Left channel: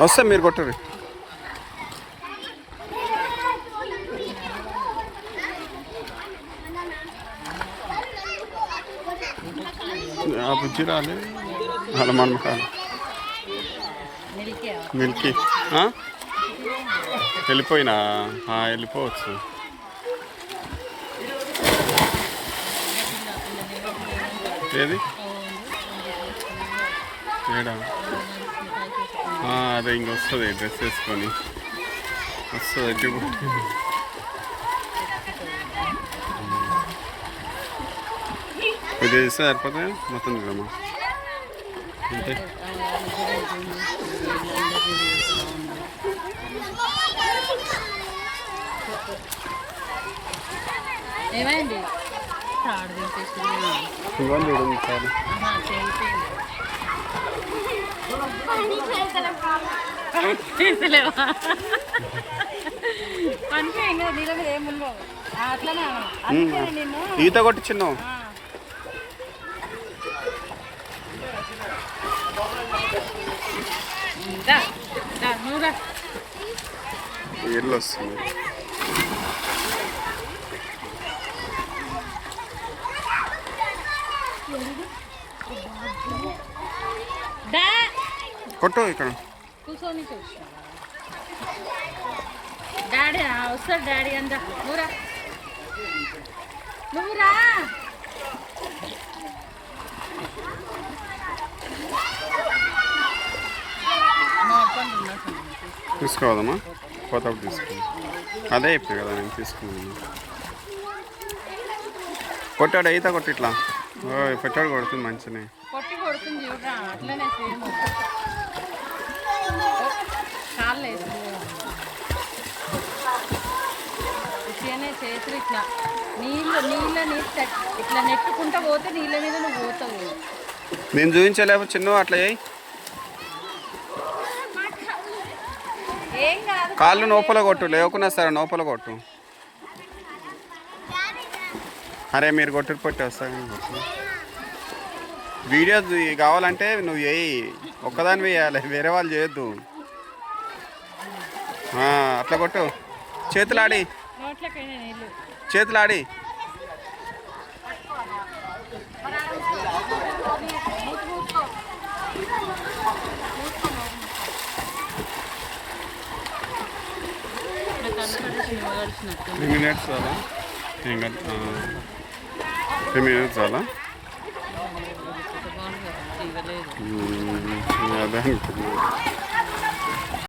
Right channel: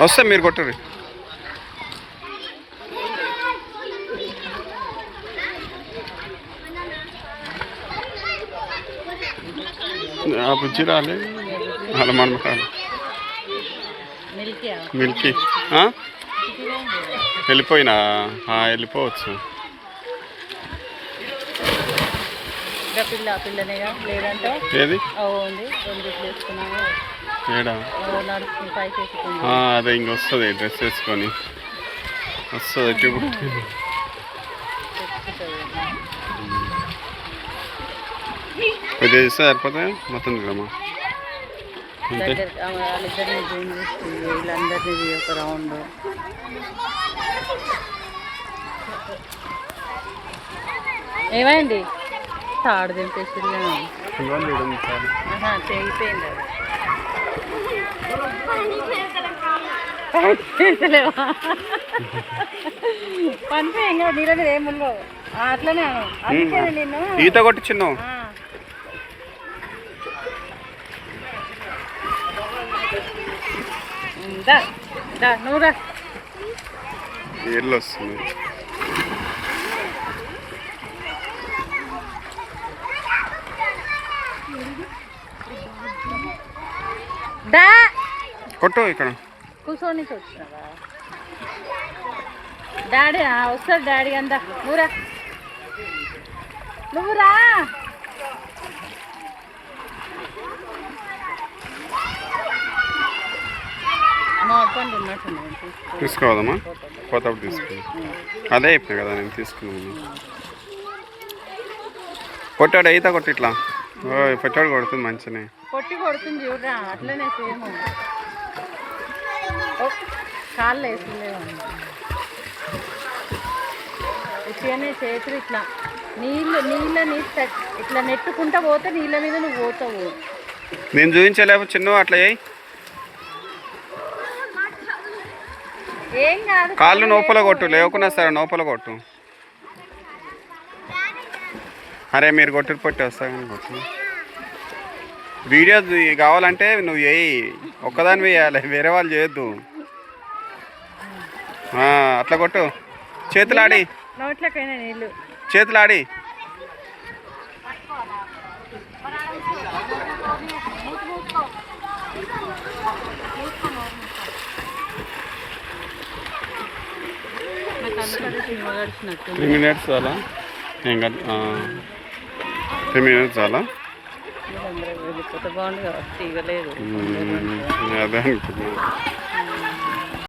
వస్తా మీరు కొట్టరు. ఆ బుజ్జి రాలే అలా మనమకాలి మిల్కీ వెళ్ళిపోయినా వెళ్ళిపోవచ్చు. ఏది ఏడా అదే ఇంకొస్తుంది డ్రెస్ వేసుకొని వస్తుంది ఎట్టి కొద్దిగా ఇస్తే సరిపోతాయి మొత్తం తిరమ్మా అంతే. ఏమైంది తాడు దింపేసి పనిపోయింది నీళ్ళ మీద ఏముందో అట్లనే అందుకే నేను ఈత కొట్టించిన్నావు. నువ్వుగా నీళ్ళు వస్తుంది. కొట్టు ఇక్కడ కూర్చొని డాడీ వస్తాడు డాడీ అంతా నువ్వురా తీసుకోవదమ్మా కొత్తప్పుడు తీసుకుని అదే చెప్పినా కదా నేను తీసుకున్నాను. కొట్టాడు ఈత కొట్టి ఇట్లా పెట్టాడు కొడుతుంది మంచిగానే కొట్టి కొడుతుంది చూడరా అట్లనే సేమ్ కాళ్ళు వేసిందే ఇట్లనే చేతులు ఇట్లా నీళ్ళని ఇట్లా నెట్టుకుంటా పోతే నీళ్ళ మీద నువ్వు పోతావు. నేను చూపించలేకపోతే చిన్న అట్లా ఏం కాదు కాళ్ళు నోపల కొట్టు లేకున్నా సరే నోపల కొట్టు. అరే మీరు కొట్టుడు పట్టి వస్తా కానీ కొట్టు. వీడియో కావాలంటే నువ్వు వేయి ఒక్కదాని వేయాలి వేరే వాళ్ళు చేయొద్దు. అట్లా కొట్టు చేతులాడి చేతులాడి త్రీ మినిట్స్ చాలా ఇంకా 3 minutes చాలా అదే అనుకుంటున్నాను.